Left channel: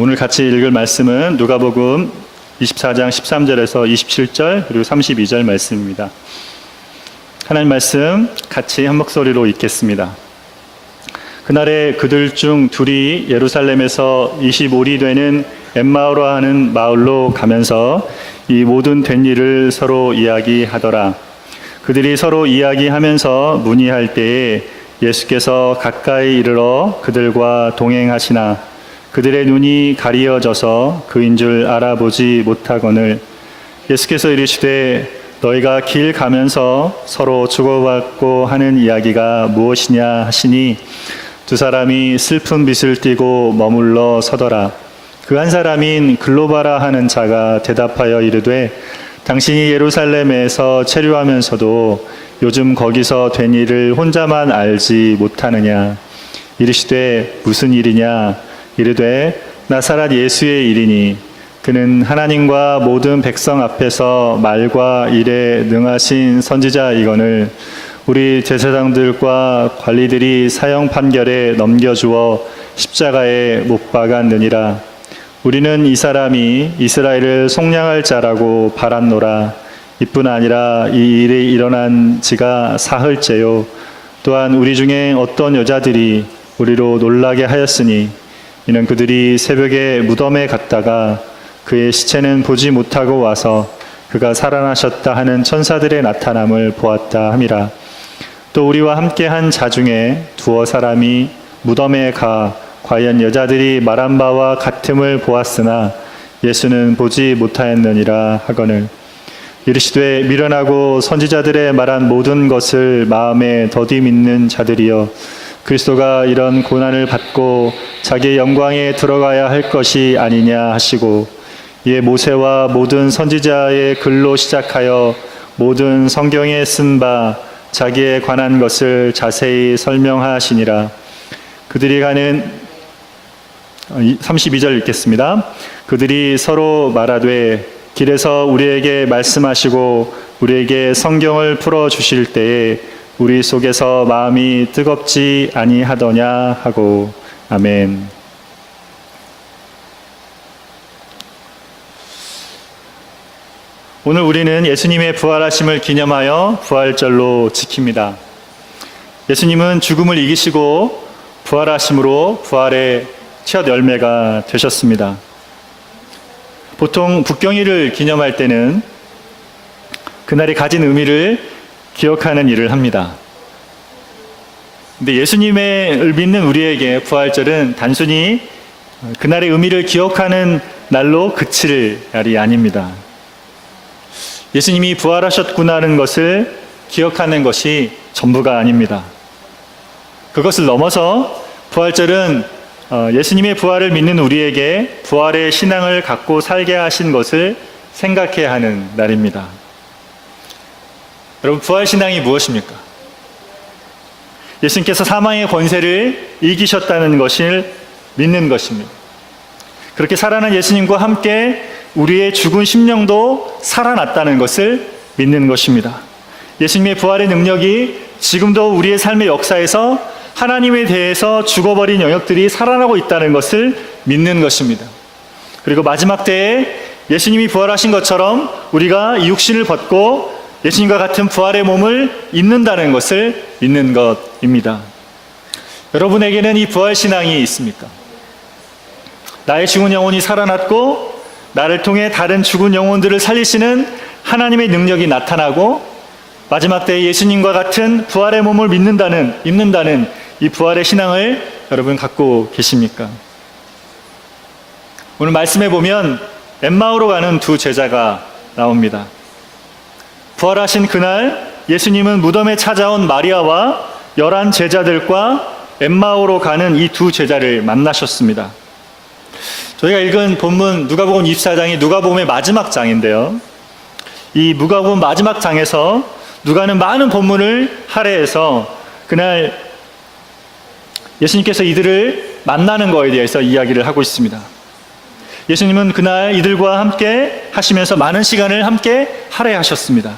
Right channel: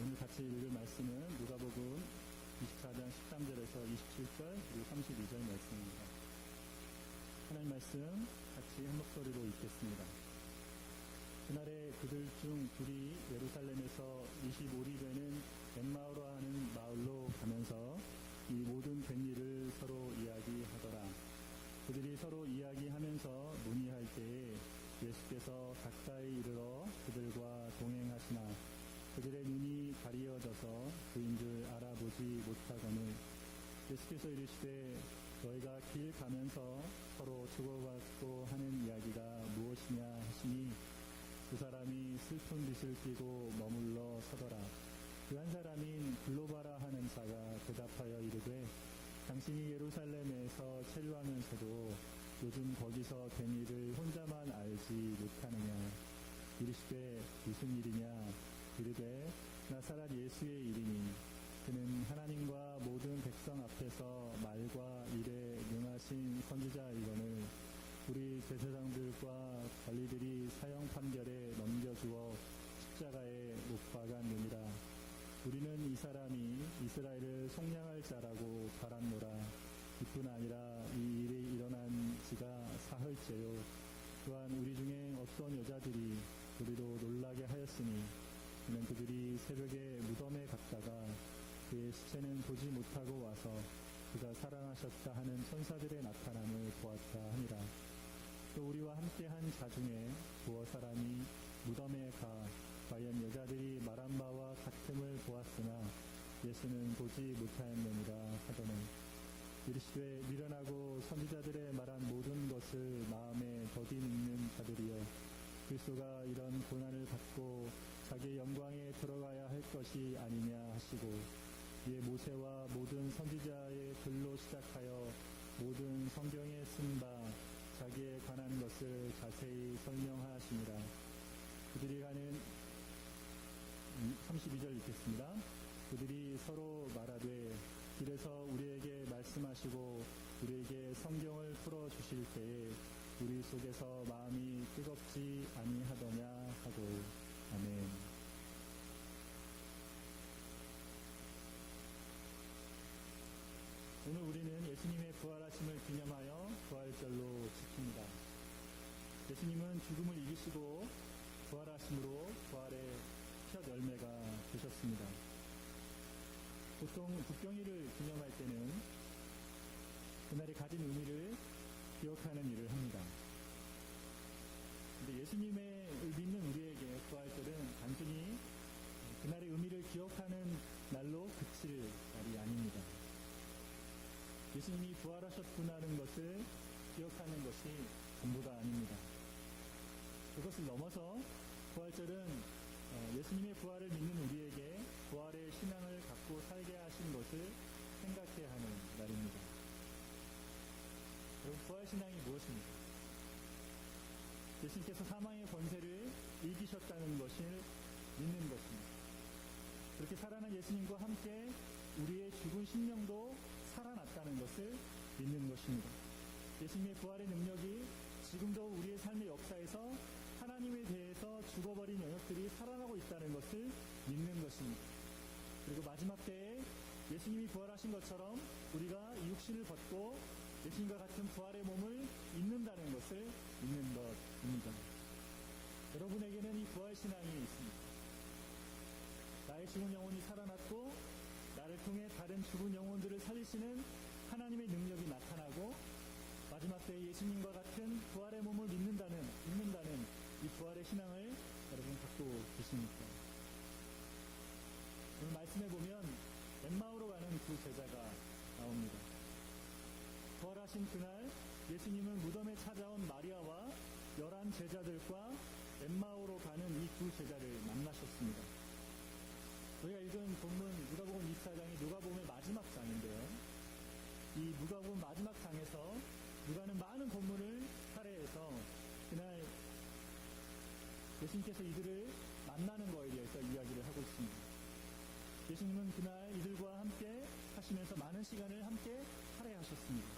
오늘 같이 읽을 말씀은 누가복음 24장 13절에서 27절 그리고 32절 말씀입니다. 하나님 말씀 같이 한 목소리로 읽겠습니다. 그날에 그들 중 둘이 예루살렘에서 25리 되는 엠마오로 하는 마을로 가면서 이 모든 된 일을 서로 이야기하더라. 그들이 서로 이야기하면서 문의할 때에 예수께서 가까이 이르러 그들과 동행하시나 그들의 눈이 가리어져서 그인 줄 알아보지 못하거늘 예수께서 이르시되 너희가 길 가면서 서로 주고받고 하는 이야기가 무엇이냐 하시니 두 사람이 슬픈 빛을 띠고 머물러 서더라. 그 한 사람인 글로바라 하는 자가 대답하여 이르되 당신이 예루살렘에서 체류하면서도 요즘 거기서 된 일을 혼자만 알지 못하느냐. 이르시되 무슨 일이냐. 이르되 나사렛 예수의 일이니 그는 하나님과 모든 백성 앞에서 말과 일에 능하신 선지자이거늘 우리 제사장들과 관리들이 사형 판결에 넘겨주어 십자가에 못 박았느니라. 우리는 이 사람이 이스라엘을 속량할 자라고 바랐노라. 이뿐 아니라 이 일이 일어난 지가 사흘째요. 또한 우리 중에 어떤 여자들이 우리로 놀라게 하였으니 이는 그들이 새벽에 무덤에 갔다가 그의 시체는 보지 못하고 와서 그가 살아나셨다 하는 천사들의 나타남을 보았다 함이라. 또 우리와 함께한 자 중에 두어 사람이 무덤에 가 과연 여자들이 말한 바와 같음을 보았으나 예수는 보지 못하였느니라 하거늘 이르시되 미련하고 선지자들의 말한 모든 것을 마음에 더디 믿는 자들이여 그리스도가 이런 고난을 받고 자기의 영광에 들어가야 할 것이 아니냐 하시고 이에 모세와 모든 선지자의 글로 시작하여 모든 성경에 쓴 바 자기에 관한 것을 자세히 설명하시니라. 그들이 가는 32절 읽겠습니다. 그들이 서로 말하되 길에서 우리에게 말씀하시고 우리에게 성경을 풀어주실 때에 우리 속에서 마음이 뜨겁지 아니하더냐 하고 아멘. 오늘 우리는 예수님의 부활하심을 기념하여 부활절로 지킵니다. 예수님은 죽음을 이기시고 부활하심으로 부활의 첫 열매가 되셨습니다. 보통 북경일을 기념할 때는 그날이 가진 의미를 기억하는 일을 합니다. 근데 예수님을 믿는 우리에게 부활절은 단순히 그날의 의미를 기억하는 날로 그칠 날이 아닙니다. 예수님이 부활하셨구나 하는 것을 기억하는 것이 전부가 아닙니다. 그것을 넘어서 부활절은 예수님의 부활을 믿는 우리에게 부활의 신앙을 갖고 살게 하신 것을 생각해야 하는 날입니다. 여러분, 부활신앙이 무엇입니까? 예수님께서 사망의 권세를 이기셨다는 것을 믿는 것입니다. 그렇게 살아난 예수님과 함께 우리의 죽은 심령도 살아났다는 것을 믿는 것입니다. 예수님의 부활의 능력이 지금도 우리의 삶의 역사에서 하나님에 대해서 죽어버린 영역들이 살아나고 있다는 것을 믿는 것입니다. 그리고 마지막 때에 예수님이 부활하신 것처럼 우리가 이 육신을 벗고 예수님과 같은 부활의 몸을 입는다는 것을 믿는 것입니다. 여러분에게는 이 부활신앙이 있습니까? 나의 죽은 영혼이 살아났고 나를 통해 다른 죽은 영혼들을 살리시는 하나님의 능력이 나타나고 마지막 때에 예수님과 같은 부활의 몸을 입는다는 이 부활의 신앙을 여러분 갖고 계십니까? 오늘 말씀해 보면 엠마오로 가는 두 제자가 나옵니다. 부활하신 그날 예수님은 무덤에 찾아온 마리아와 11 제자들과 엠마오로 가는 이 두 제자를 만나셨습니다. 저희가 읽은 본문 누가복음 24장이 누가복음의 마지막 장인데요. 이 누가복음 마지막 장에서 누가는 많은 본문을 할애해서 그날 예수님께서 이들을 만나는 것에 대해서 이야기를 하고 있습니다. 예수님은 그날 이들과 함께 하시면서 많은 시간을 함께 할애하셨습니다.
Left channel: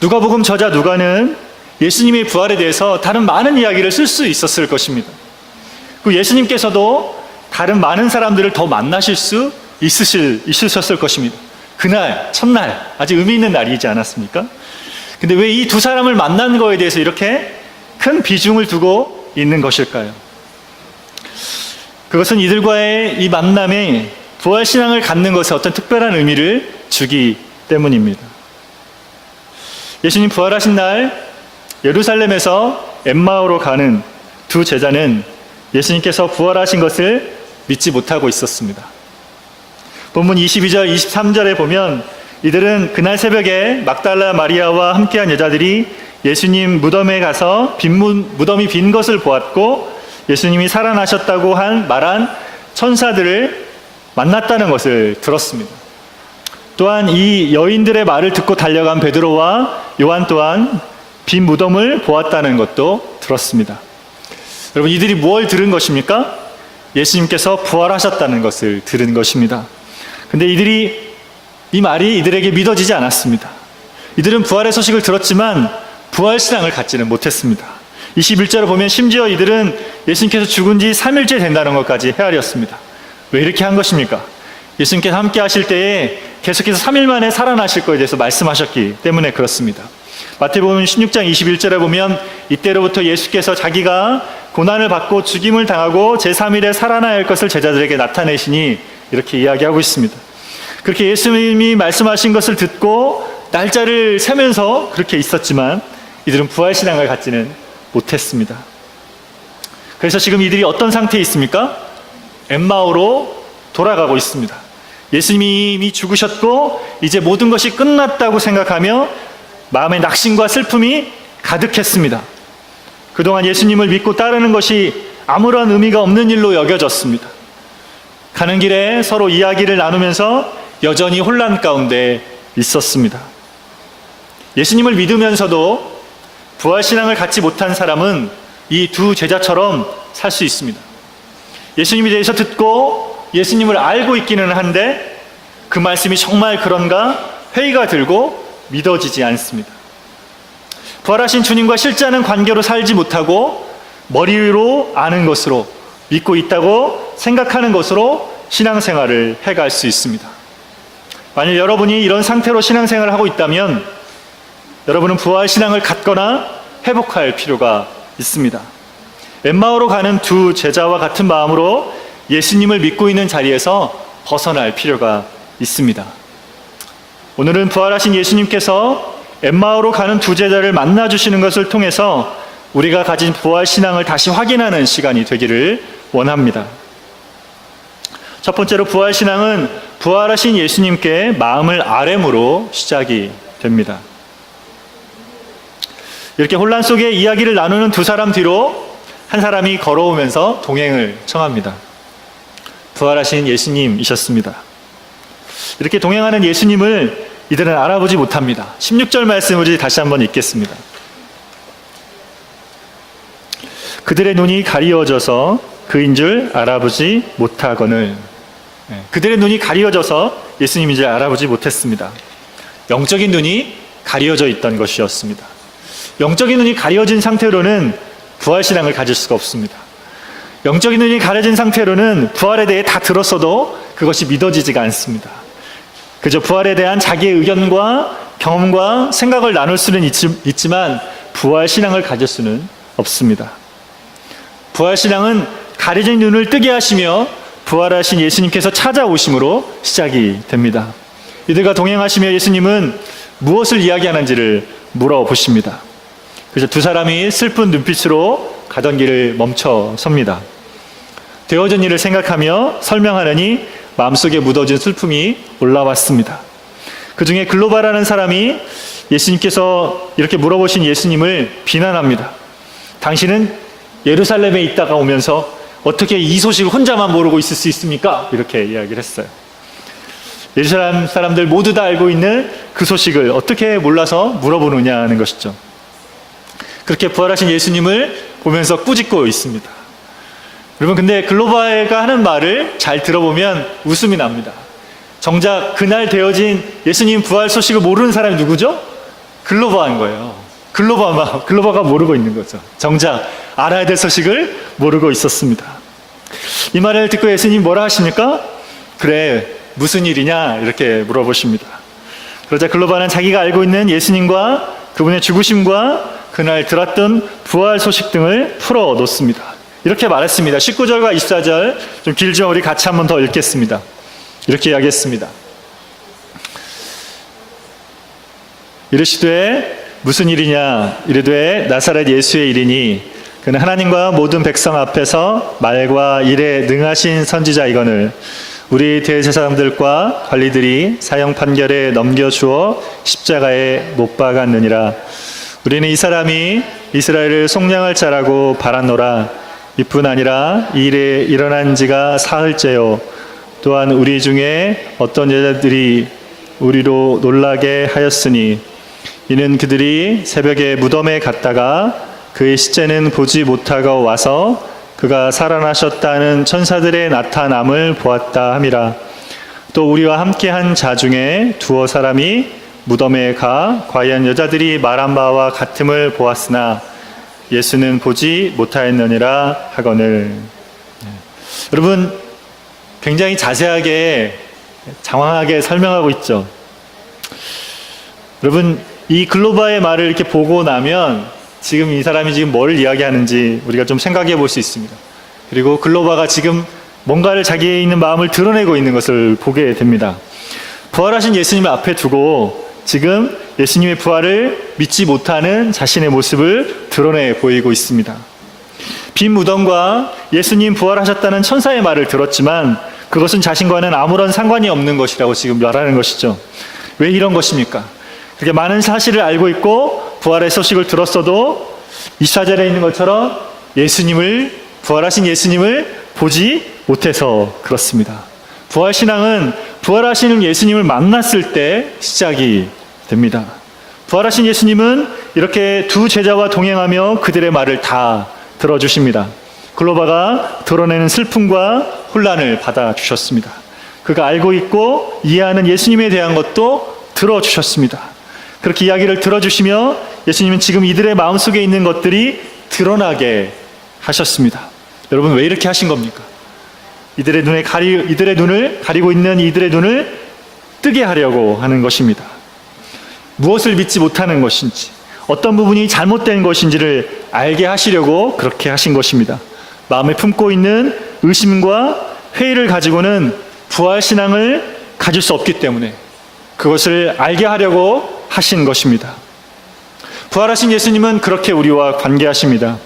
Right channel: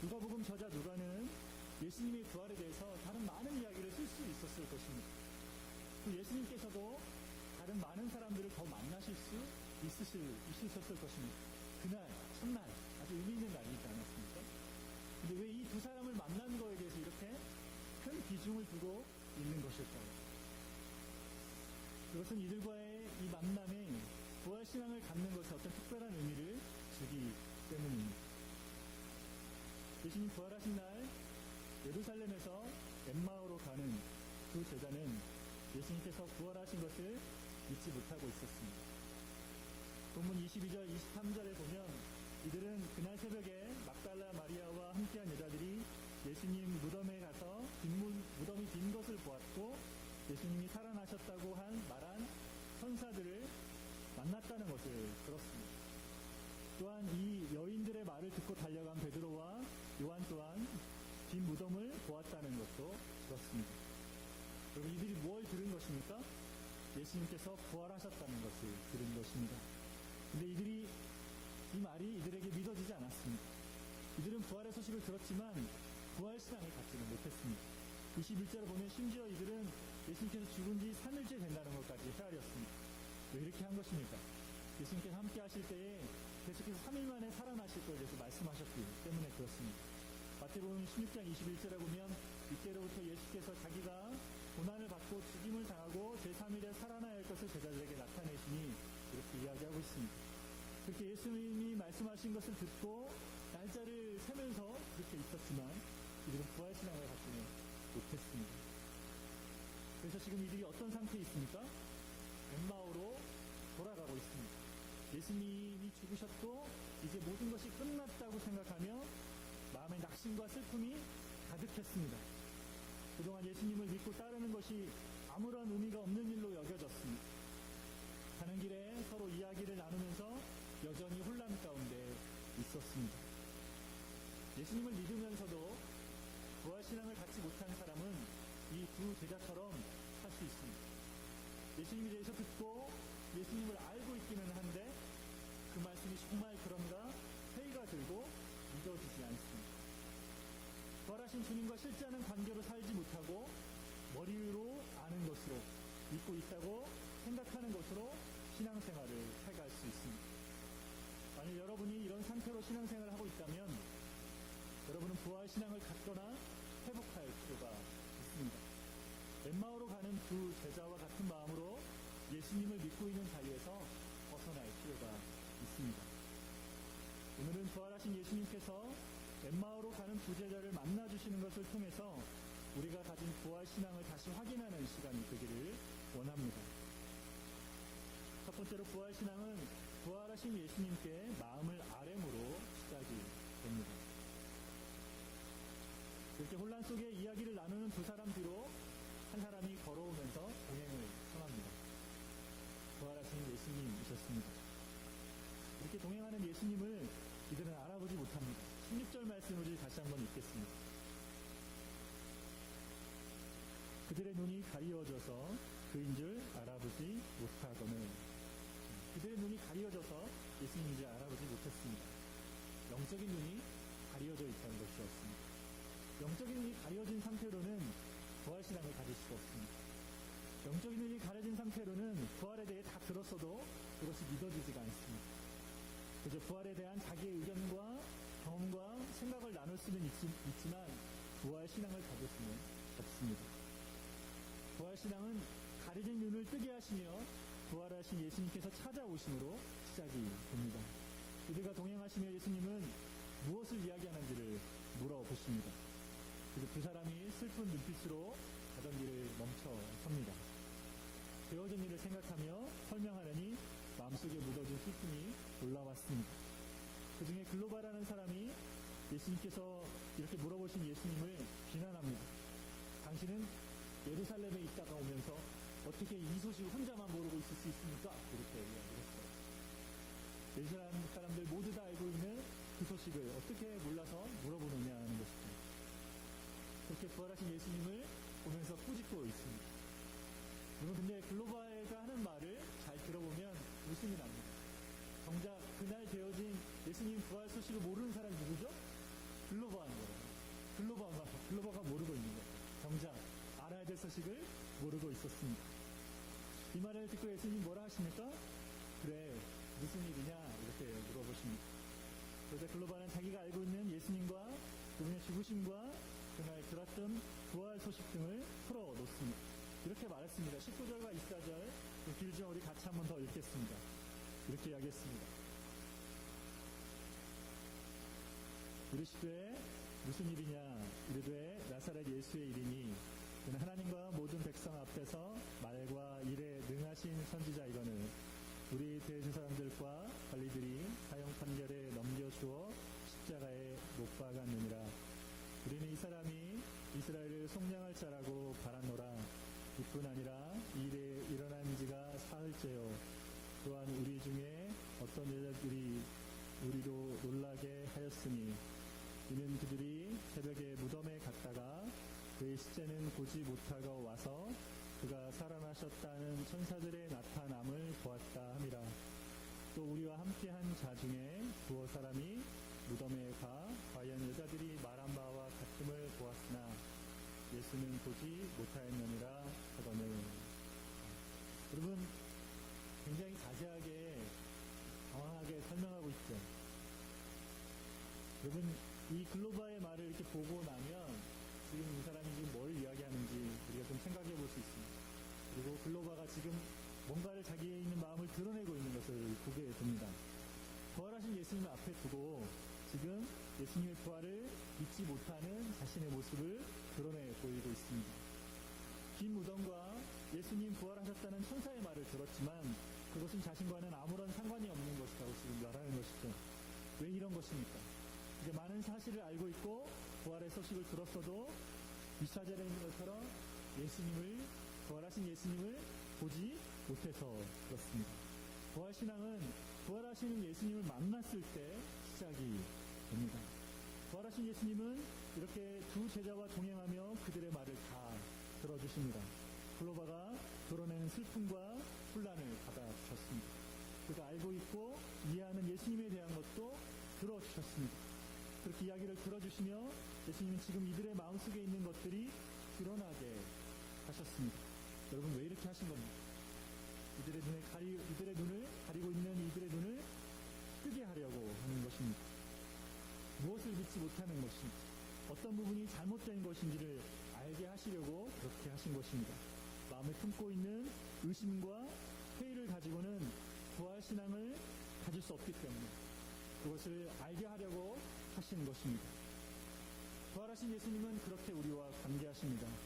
누가복음 저자 누가는 예수님의 부활에 대해서 다른 많은 이야기를 쓸 수 있었을 것입니다. 그 예수님께서도 다른 많은 사람들을 더 만나실 수 있으셨을 것입니다. 그날, 첫날, 아주 의미 있는 날이지 않았습니까? 근데 왜 이 두 사람을 만난 거에 대해서 이렇게 큰 비중을 두고 있는 것일까요? 그것은 이들과의 이 만남에 부활신앙을 갖는 것에 어떤 특별한 의미를 주기 때문입니다. 예수님 부활하신 날 예루살렘에서 엠마오로 가는 두 제자는 예수님께서 부활하신 것을 믿지 못하고 있었습니다. 본문 22절, 23절에 보면 이들은 그날 새벽에 막달라 마리아와 함께한 여자들이 예수님 무덤에 가서 무덤이 빈 것을 보았고 예수님이 살아나셨다고 말한 천사들을 만났다는 것을 들었습니다. 또한 이 여인들의 말을 듣고 달려간 베드로와 요한 또한 빈 무덤을 보았다는 것도 들었습니다. 여러분, 이들이 뭘 들은 것입니까? 예수님께서 부활하셨다는 것을 들은 것입니다. 근데 이 말이 이들에게 믿어지지 않았습니다. 이들은 부활의 소식을 들었지만 부활신앙을 갖지는 못했습니다. 21절을 보면 심지어 이들은 예수님께서 죽은 지 3일째 된다는 것까지 헤아렸습니다. 왜 이렇게 한 것입니까? 예수님께서 함께 하실 때에 계속해서 3일 만에 살아나실 것에 대해서 말씀하셨기 때문에 그렇습니다. 마태복음 16장 21절에 보면 이때로부터 예수께서 자기가 고난을 받고 죽임을 당하고 제3일에 살아나야 할 것을 제자들에게 나타내시니 이렇게 이야기하고 있습니다. 그렇게 예수님이 말씀하신 것을 듣고 날짜를 세면서 그렇게 있었지만 이들은 부활신앙을 갖지는 못했습니다. 그래서 지금 이들이 어떤 상태에 있습니까? 엠마오로 돌아가고 있습니다. 예수님이 이미 죽으셨고 이제 모든 것이 끝났다고 생각하며 마음의 낙심과 슬픔이 가득했습니다. 그동안 예수님을 믿고 따르는 것이 아무런 의미가 없는 일로 여겨졌습니다. 가는 길에 서로 이야기를 나누면서 여전히 혼란 가운데 있었습니다. 예수님을 믿으면서도 부활신앙을 갖지 못한 사람은 이 두 제자처럼 살 수 있습니다. 예수님에 대해서 듣고 예수님을 알고 있기는 한데 그 말씀이 정말 그런가 회의가 들고 믿어지지 않습니다. 부활하신 주님과 실제하는 관계로 살지 못하고 머리로 아는 것으로 믿고 있다고 생각하는 것으로 신앙생활을 해갈 수 있습니다. 만약 여러분이 이런 상태로 신앙생활을 하고 있다면 여러분은 부활신앙을 갖거나 회복할 필요가 있습니다. 엠마오로 가는 두 제자와 같은 마음으로 예수님을 믿고 있는 자리에서 벗어날 필요가 있습니다. 오늘은 부활하신 예수님께서 엠마오로 가는 두 제자를 만나주시는 것을 통해서 우리가 가진 부활신앙을 다시 확인하는 시간이 되기를 원합니다. 첫 번째로 부활신앙은 부활하신 예수님께 마음을 아뢰므로 시작이 됩니다. 이렇게 혼란 속에 이야기를 나누는 두 사람 뒤로 한 사람이 걸어오면서 동행을 청합니다. 부활하신 예수님이셨습니다. 이렇게 동행하는 예수님을 이들은 알아보지 못합니다. 16절 말씀을 다시 한번 읽겠습니다. 그들의 눈이 가리워져서 그인 줄 알아보지 못하거늘. 그들의 눈이 가리워져서 예수님인 줄 알아보지 못했습니다. 영적인 눈이 가리워져 있던 것이었습니다. 영적인 눈이 가려진 상태로는 부활신앙을 가질 수가 없습니다. 영적인 눈이 가려진 상태로는 부활에 대해 다 들었어도 그것이 믿어지지가 않습니다. 그저 부활에 대한 자기의 의견과 경험과 생각을 나눌 수는 있지만 부활신앙을 가질 수는 없습니다. 부활신앙은 가려진 눈을 뜨게 하시며 부활하신 예수님께서 찾아오심으로 시작이 됩니다. 이들과 동행하시며 예수님은 무엇을 이야기하는지를 물어보십니다. 그래서 두 사람이 슬픈 눈빛으로 가던 길을 멈춰 섭니다. 되어진 일을 생각하며 설명하느니 마음속에 묻어진 슬픔이 올라왔습니다. 그 중에 글로바라는 사람이 예수님께서 이렇게 물어보신 예수님을 비난합니다. 당신은 예루살렘에 있다가 오면서 어떻게 이 소식을 혼자만 모르고 있을 수 있습니까? 이렇게 이야기를 했어요. 예루살렘 사람들 모두 다 알고 있는 그 소식을 어떻게 몰라서 물어보느냐는 것이죠. 그렇게 부활하신 예수님을 보면서 꾸짖고 있습니다. 여러분, 근데 글로바가 하는 말을 잘 들어보면 웃음이 납니다. 정작 그날 되어진 예수님 부활 소식을 모르는 사람이 누구죠? 글로바인 거예요. 글로바가 모르고 있는 거죠. 정작 알아야 될 소식을 모르고 있었습니다. 이 말을 듣고 예수님 뭐라 하십니까? 그래, 무슨 일이냐? 이렇게 물어보십니다. 그러자 글로바는 자기가 알고 있는 예수님과 그분의 죽으심과 그날 들었던 부활 소식 등을 풀어 놓습니다. 이렇게 말했습니다. 19절과 24절 좀 길죠? 우리 같이 한번 더 읽겠습니다. 이렇게 이야기했습니다. 이르시되 무슨 일이냐? 이르되 나사렛 예수의 일이니 그는 하나님과 모든 백성 앞에서 말과 일에 능하신 선지자이거늘 우리 대제사장들과 관리들이 사형 판결에 넘겨주어 십자가에 못 박았느니라. 우리는 이 사람이 이스라엘을 속량할 자라고 바랐노라. 이뿐 아니라 이 일에 일어난 지가 사흘째요. 또한 우리 중에 어떤 여자들이 우리로 놀라게 하였으니 이는 그들이 새벽에 무덤에 갔다가 그의 시체는 보지 못하고 와서 그가 살아나셨다는 천사들의 나타남을 보았다 함이라. 또 우리와 함께한 자 중에 두어 사람이 무덤에 가 과연 여자들이 말한 바와 같음을 보았으나 예수는 보지 못하였느니라 하거늘. 여러분, 굉장히 자세하게 장황하게 설명하고 있죠. 여러분, 이 글로바의 말을 이렇게 보고 나면 지금 이 사람이 지금 뭘 이야기하는지 우리가 좀 생각해 볼 수 있습니다. 그리고 글로바가 지금 뭔가를 자기의 있는 마음을 드러내고 있는 것을 보게 됩니다. 부활하신 예수님을 앞에 두고 지금 예수님의 부활을 믿지 못하는 자신의 모습을 드러내 보이고 있습니다. 빈 무덤과 예수님 부활하셨다는 천사의 말을 들었지만 그것은 자신과는 아무런 상관이 없는 것이라고 지금 말하는 것이죠. 왜 이런 것입니까? 그렇게 많은 사실을 알고 있고 부활의 소식을 들었어도 24절에 있는 것처럼 부활하신 예수님을 보지 못해서 그렇습니다. 부활신앙은 부활하시는 예수님을 만났을 때 시작이 됩니다. 부활하신 예수님은 이렇게 두 제자와 동행하며 그들의 말을 다 들어주십니다. 글로바가 드러내는 슬픔과 혼란을 받아주셨습니다. 그가 알고 있고 이해하는 예수님에 대한 것도 들어주셨습니다. 그렇게 이야기를 들어주시며 예수님은 지금 이들의 마음속에 있는 것들이 드러나게 하셨습니다. 여러분, 왜 이렇게 하신 겁니까? 이들의 눈을 가리고 있는 이들의 눈을 뜨게 하려고 하는 것입니다. 무엇을 믿지 못하는 것인지, 어떤 부분이 잘못된 것인지를 알게 하시려고 그렇게 하신 것입니다. 마음에 품고 있는 의심과 회의를 가지고는 부활신앙을 가질 수 없기 때문에 그것을 알게 하려고 하신 것입니다. 부활하신 예수님은 그렇게 우리와 관계하십니다.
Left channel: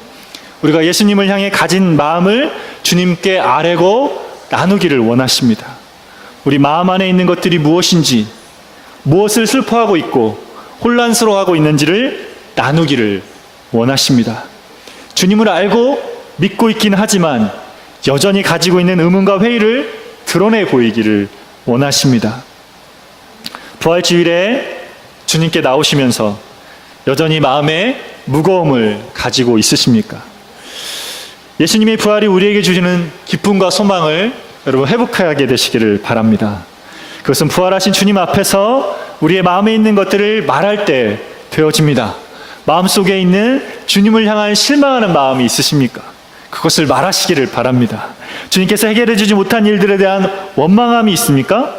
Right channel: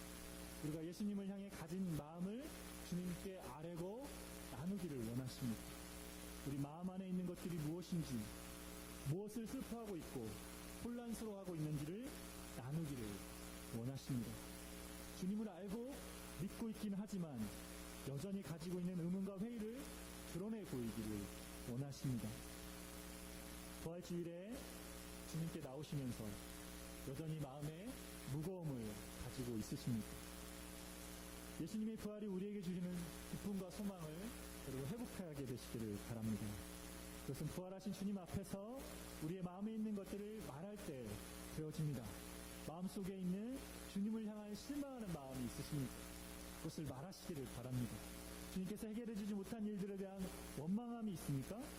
우리가 예수님을 향해 가진 마음을 주님께 아뢰고 나누기를 원하십니다. 우리 마음 안에 있는 것들이 무엇인지, 무엇을 슬퍼하고 있고 혼란스러워하고 있는지를 나누기를 원하십니다. 주님을 알고 믿고 있긴 하지만 여전히 가지고 있는 의문과 회의를 드러내 보이기를 원하십니다. 부활주일에 주님께 나오시면서 여전히 마음에 무거움을 가지고 있으십니까? 예수님의 부활이 우리에게 주시는 기쁨과 소망을 여러분 회복하게 되시기를 바랍니다. 그것은 부활하신 주님 앞에서 우리의 마음에 있는 것들을 말할 때 되어집니다. 마음속에 있는 주님을 향한 실망하는 마음이 있으십니까? 그것을 말하시기를 바랍니다. 주님께서 해결해 주지 못한 일들에 대한 원망함이 있습니까?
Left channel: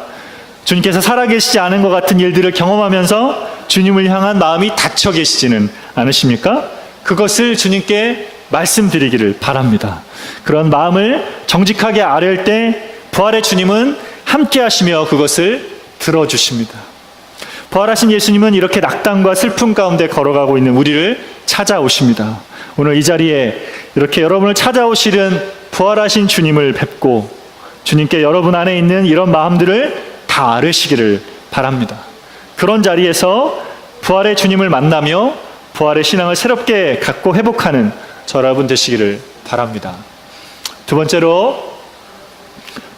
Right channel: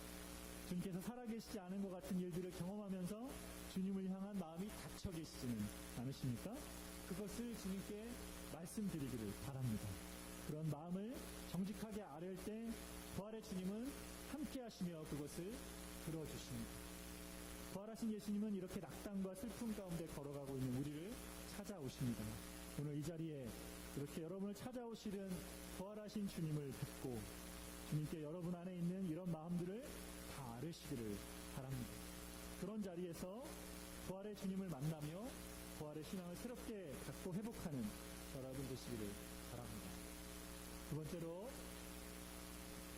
주님께서 살아계시지 않은 것 같은 일들을 경험하면서 주님을 향한 마음이 닫혀 계시지는 않으십니까? 그것을 주님께 말씀드리기를 바랍니다. 그런 마음을 정직하게 아뢰을 때 부활의 주님은 함께 하시며 그것을 들어주십니다. 부활하신 예수님은 이렇게 낙담과 슬픔 가운데 걸어가고 있는 우리를 찾아오십니다. 오늘 이 자리에 이렇게 여러분을 찾아오시는 부활하신 주님을 뵙고 주님께 여러분 안에 있는 이런 마음들을 다 아뢰시기를 바랍니다. 그런 자리에서 부활의 주님을 만나며 부활의 신앙을 새롭게 갖고 회복하는 저 여러분 되시기를 바랍니다. 두 번째로,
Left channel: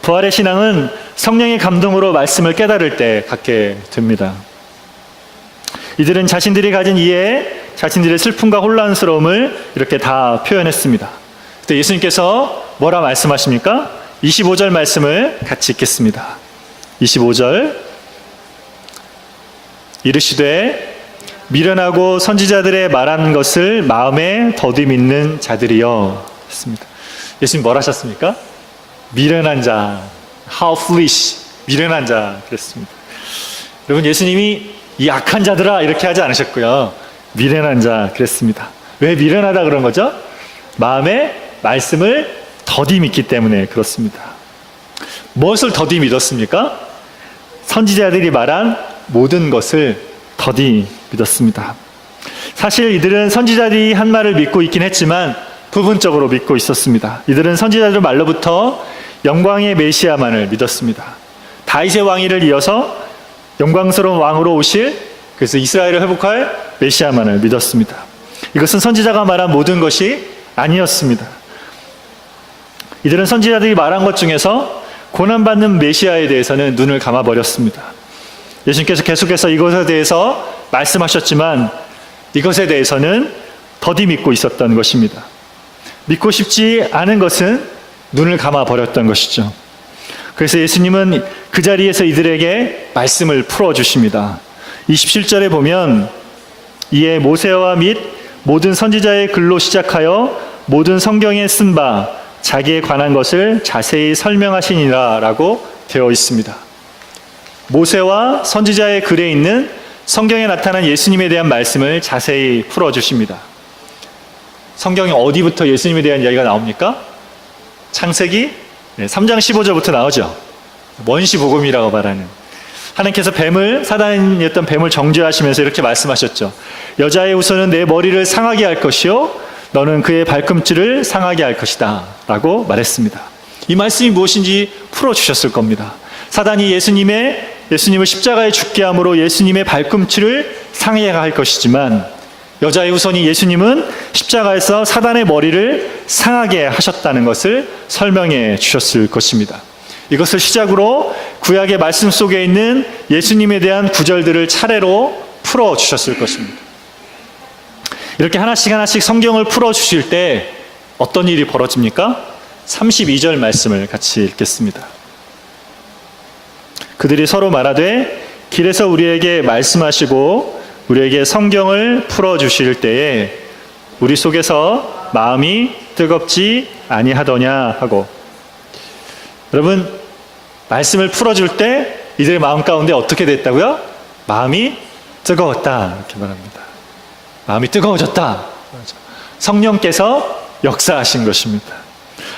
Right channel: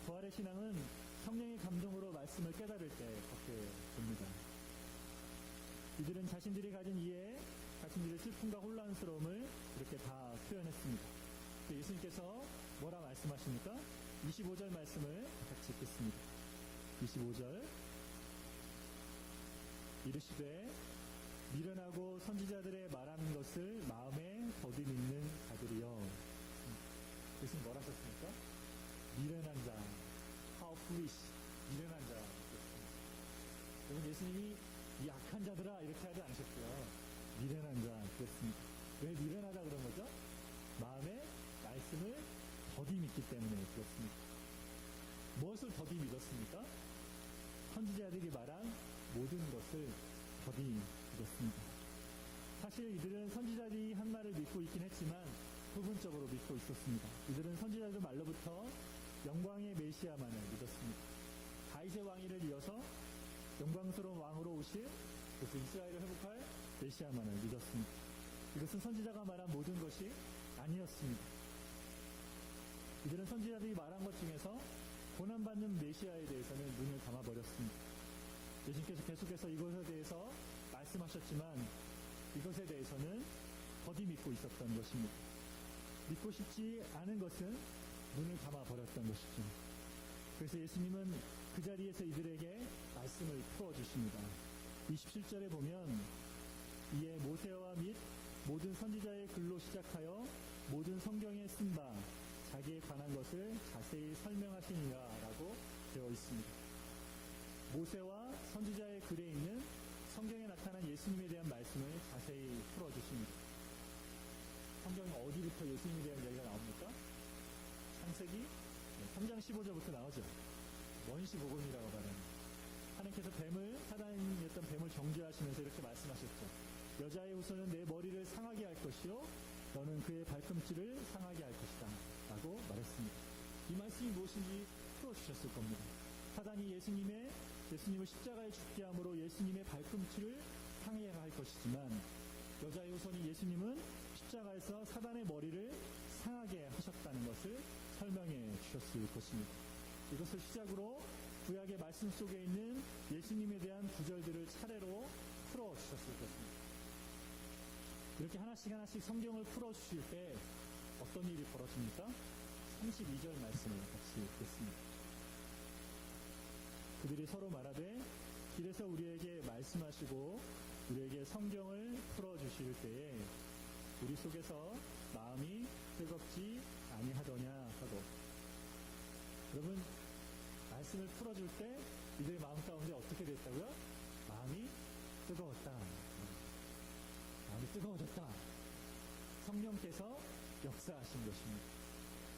부활의 신앙은 성령의 감동으로 말씀을 깨달을 때 갖게 됩니다. 이들은 자신들이 가진 이해, 자신들의 슬픔과 혼란스러움을 이렇게 다 표현했습니다. 그때 예수님께서 뭐라 말씀하십니까? 25절 말씀을 같이 읽겠습니다. 25절, 이르시되 미련하고 선지자들의 말한 것을 마음에 더디 믿는 자들이여 했습니다. 예수님 뭘 하셨습니까? 미련한 자, how foolish, 미련한 자 그랬습니다. 여러분, 예수님이 이 악한 자들아 이렇게 하지 않으셨고요. 미련한 자 그랬습니다. 왜 미련하다 그런 거죠? 마음에 말씀을 더디 믿기 때문에 그렇습니다. 무엇을 더디 믿었습니까? 선지자들이 말한 모든 것을 더디 믿었습니다. 사실 이들은 선지자들이 한 말을 믿고 있긴 했지만 부분적으로 믿고 있었습니다. 이들은 선지자들 말로부터 영광의 메시아만을 믿었습니다. 다윗의 왕위를 이어서 영광스러운 왕으로 오실, 그래서 이스라엘을 회복할 메시아만을 믿었습니다. 이것은 선지자가 말한 모든 것이 아니었습니다. 이들은 선지자들이 말한 것 중에서 고난받는 메시아에 대해서는 눈을 감아버렸습니다. 예수님께서 계속해서 이것에 대해서 말씀하셨지만 이것에 대해서는 더디 믿고 있었던 것입니다. 믿고 싶지 않은 것은 눈을 감아버렸던 것이죠. 그래서 예수님은 그 자리에서 이들에게 말씀을 풀어주십니다. 27절에 보면 이에 모세와 및 모든 선지자의 글로 시작하여 모든 성경에 쓴 바 자기에 관한 것을 자세히 설명하시니라 라고 되어 있습니다. 모세와 선지자의 글에 있는 성경에 나타난 예수님에 대한 말씀을 자세히 풀어주십니다. 성경에 어디부터 예수님에 대한 이야기가 나옵니까? 창세기 3장 15절부터 나오죠. 원시복음이라고 말하는. 하나님께서 사단이었던 뱀을 정죄하시면서 이렇게 말씀하셨죠. 여자의 후손은 내 머리를 상하게 할 것이요 너는 그의 발꿈치를 상하게 할 것이다 라고 말했습니다. 이 말씀이 무엇인지 풀어주셨을 겁니다. 사단이 예수님을 십자가에 죽게 함으로 예수님의 발꿈치를 상하게 할 것이지만 여자의 후손이 예수님은 십자가에서 사단의 머리를 상하게 하셨다는 것을 설명해 주셨을 것입니다. 이것을 시작으로 구약의 말씀 속에 있는 예수님에 대한 구절들을 차례로 풀어주셨을 것입니다. 이렇게 하나씩 성경을 풀어주실 때 어떤 일이 벌어집니까? 32절 말씀을 같이 읽겠습니다. 그들이 서로 말하되 길에서 우리에게 말씀하시고 우리에게 성경을 풀어주실 때에 우리 속에서 마음이 뜨겁지 아니하더냐 하고, 여러분, 말씀을 풀어줄 때 이들의 마음 가운데 어떻게 됐다고요? 마음이 뜨거웠다 이렇게 말합니다. 마음이 뜨거워졌다. 성령께서 역사하신 것입니다.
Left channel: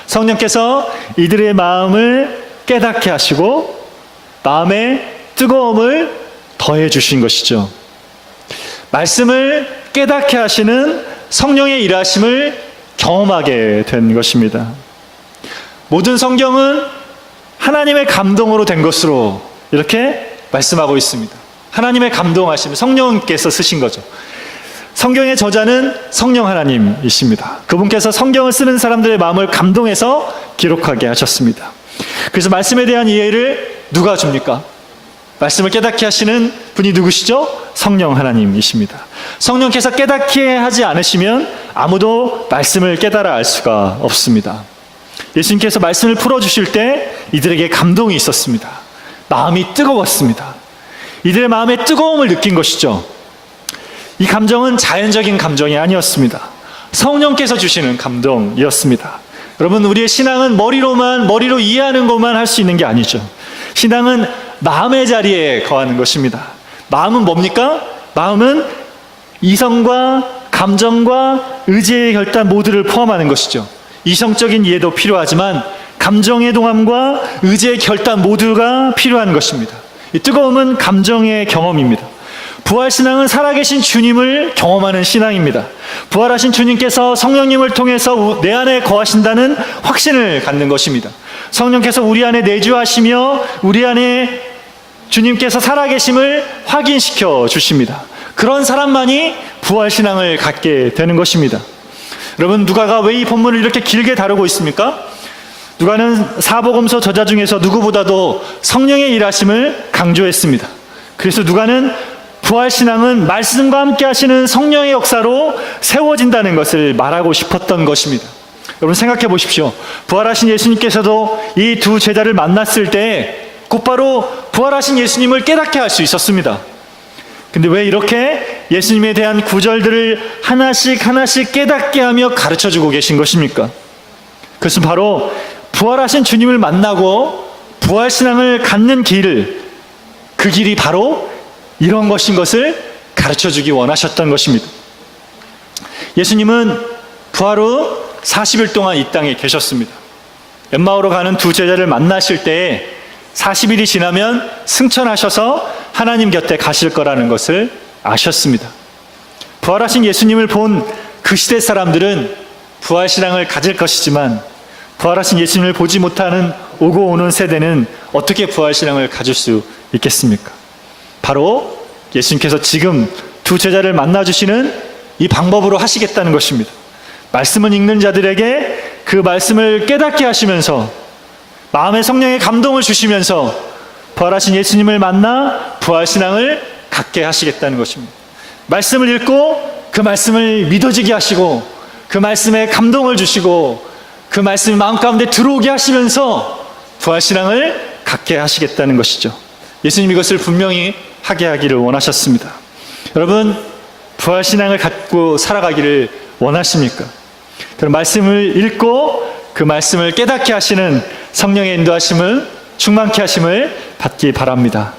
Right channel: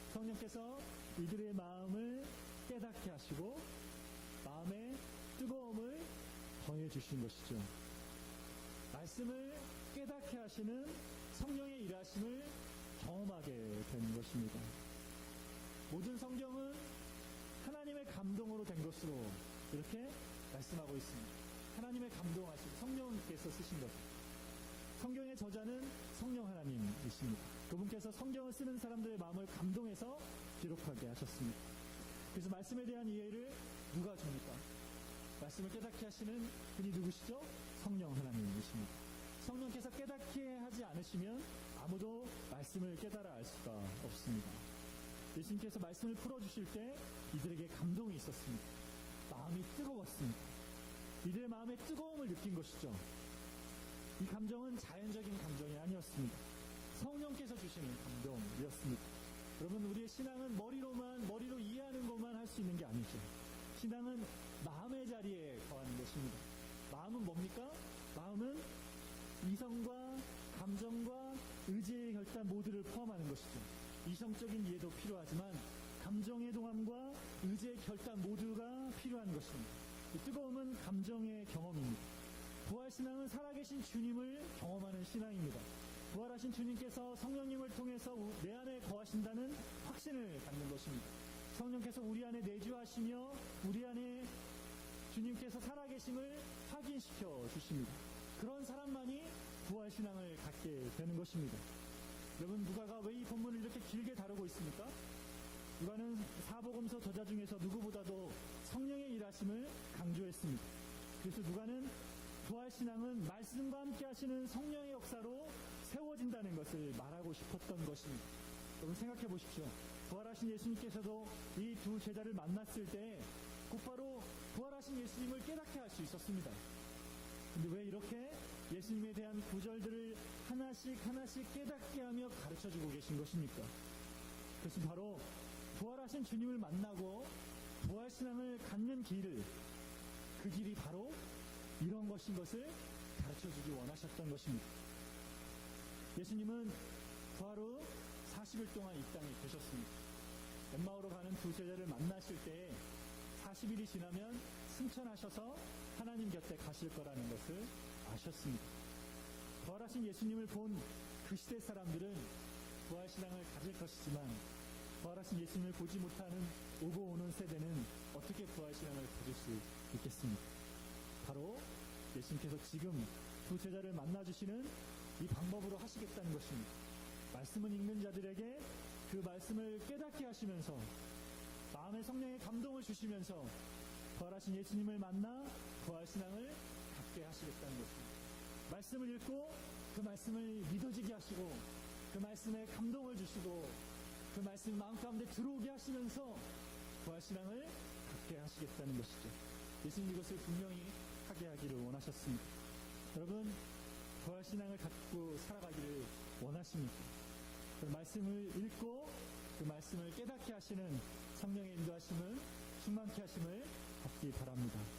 성령께서 이들의 마음을 깨닫게 하시고 마음의 뜨거움을 더해 주신 것이죠. 말씀을 깨닫게 하시는 성령의 일하심을 경험하게 된 것입니다. 모든 성경은 하나님의 감동으로 된 것으로 이렇게 말씀하고 있습니다. 하나님의 감동하심, 성령께서 쓰신 거죠. 성경의 저자는 성령 하나님이십니다. 그분께서 성경을 쓰는 사람들의 마음을 감동해서 기록하게 하셨습니다. 그래서 말씀에 대한 이해를 누가 줍니까? 말씀을 깨닫게 하시는 분이 누구시죠? 성령 하나님이십니다. 성령께서 깨닫게 하지 않으시면 아무도 말씀을 깨달아 알 수가 없습니다. 예수님께서 말씀을 풀어주실 때 이들에게 감동이 있었습니다. 마음이 뜨거웠습니다. 이들의 마음에 뜨거움을 느낀 것이죠. 이 감정은 자연적인 감정이 아니었습니다. 성령께서 주시는 감동이었습니다. 여러분, 우리의 신앙은 머리로 이해하는 것만 할 수 있는 게 아니죠. 신앙은 마음의 자리에 거하는 것입니다. 마음은 뭡니까? 마음은 이성과 감정과 의지의 결단 모두를 포함하는 것이죠. 이성적인 이해도 필요하지만 감정의 동함과 의지의 결단 모두가 필요한 것입니다. 이 뜨거움은 감정의 경험입니다. 부활신앙은 살아계신 주님을 경험하는 신앙입니다. 부활하신 주님께서 성령님을 통해서 내 안에 거하신다는 확신을 갖는 것입니다. 성령께서 우리 안에 내주하시며 우리 안에 주님께서 살아계심을 확인시켜 주십니다. 그런 사람만이 부활신앙을 갖게 되는 것입니다. 여러분, 누가가 왜 이 본문을 이렇게 길게 다루고 있습니까? 누가는 사복음서 저자 중에서 누구보다도 성령의 일하심을 강조했습니다. 그래서 누가는 부활신앙은 말씀과 함께 하시는 성령의 역사로 세워진다는 것을 말하고 싶었던 것입니다. 여러분, 생각해 보십시오. 부활하신 예수님께서도 이 두 제자를 만났을 때 곧바로 부활하신 예수님을 깨닫게 할 수 있었습니다. 근데 왜 이렇게 예수님에 대한 구절들을 하나씩 깨닫게 하며 가르쳐주고 계신 것입니까? 그것은 바로 부활하신 주님을 만나고 부활신앙을 갖는 길, 그 길이 바로 이런 것인 것을 가르쳐주기 원하셨던 것입니다. 예수님은 부활 후 40일 동안 이 땅에 계셨습니다. 엠마오로 가는 두 제자를 만나실 때에 40일이 지나면 승천하셔서 하나님 곁에 가실 거라는 것을 아셨습니다. 부활하신 예수님을 본 그 시대 사람들은 부활신앙을 가질 것이지만 부활하신 예수님을 보지 못하는 오고 오는 세대는 어떻게 부활신앙을 가질 수 있겠습니까? 바로 예수님께서 지금 두 제자를 만나주시는 이 방법으로 하시겠다는 것입니다. 말씀을 읽는 자들에게 그 말씀을 깨닫게 하시면서 마음의 성령의 감동을 주시면서 부활하신 예수님을 만나 부활신앙을 갖게 하시겠다는 것입니다. 말씀을 읽고 그 말씀을 믿어지게 하시고 그 말씀에 감동을 주시고 그 말씀이 마음 가운데 들어오게 하시면서 부활신앙을 갖게 하시겠다는 것이죠. 예수님 이것을 분명히 하게 하기를 원하셨습니다. 여러분, 부활신앙을 갖고 살아가기를 원하십니까? 그럼 말씀을 읽고 그 말씀을 깨닫게 하시는 성령의 인도하심을 충만케 하심을 받기 바랍니다.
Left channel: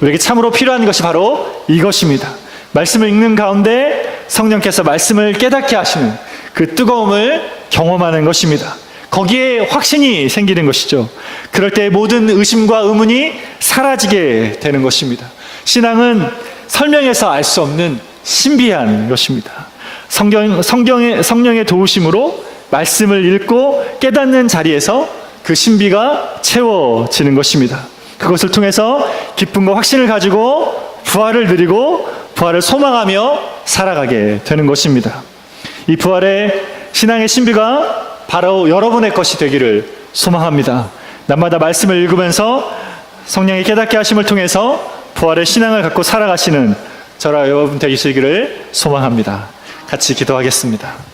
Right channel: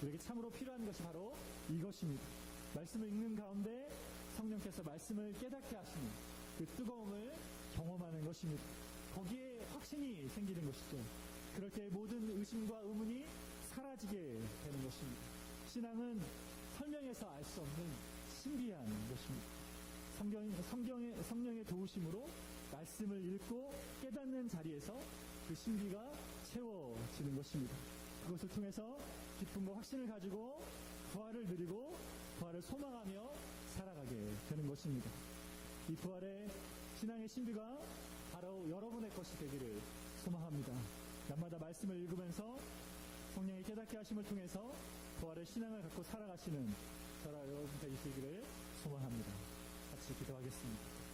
우리에게 참으로 필요한 것이 바로 이것입니다. 말씀을 읽는 가운데 성령께서 말씀을 깨닫게 하시는 그 뜨거움을 경험하는 것입니다. 거기에 확신이 생기는 것이죠. 그럴 때 모든 의심과 의문이 사라지게 되는 것입니다. 신앙은 설명해서 알 수 없는 신비한 것입니다. 성령의 도우심으로 말씀을 읽고 깨닫는 자리에서 그 신비가 채워지는 것입니다. 그것을 통해서 기쁨과 확신을 가지고 부활을 누리고 부활을 소망하며 살아가게 되는 것입니다. 이 부활의 신앙의 신비가 바로 여러분의 것이 되기를 소망합니다. 날마다 말씀을 읽으면서 성령의 깨닫게 하심을 통해서 부활의 신앙을 갖고 살아가시는 저와 여러분 되시기를 소망합니다. 같이 기도하겠습니다.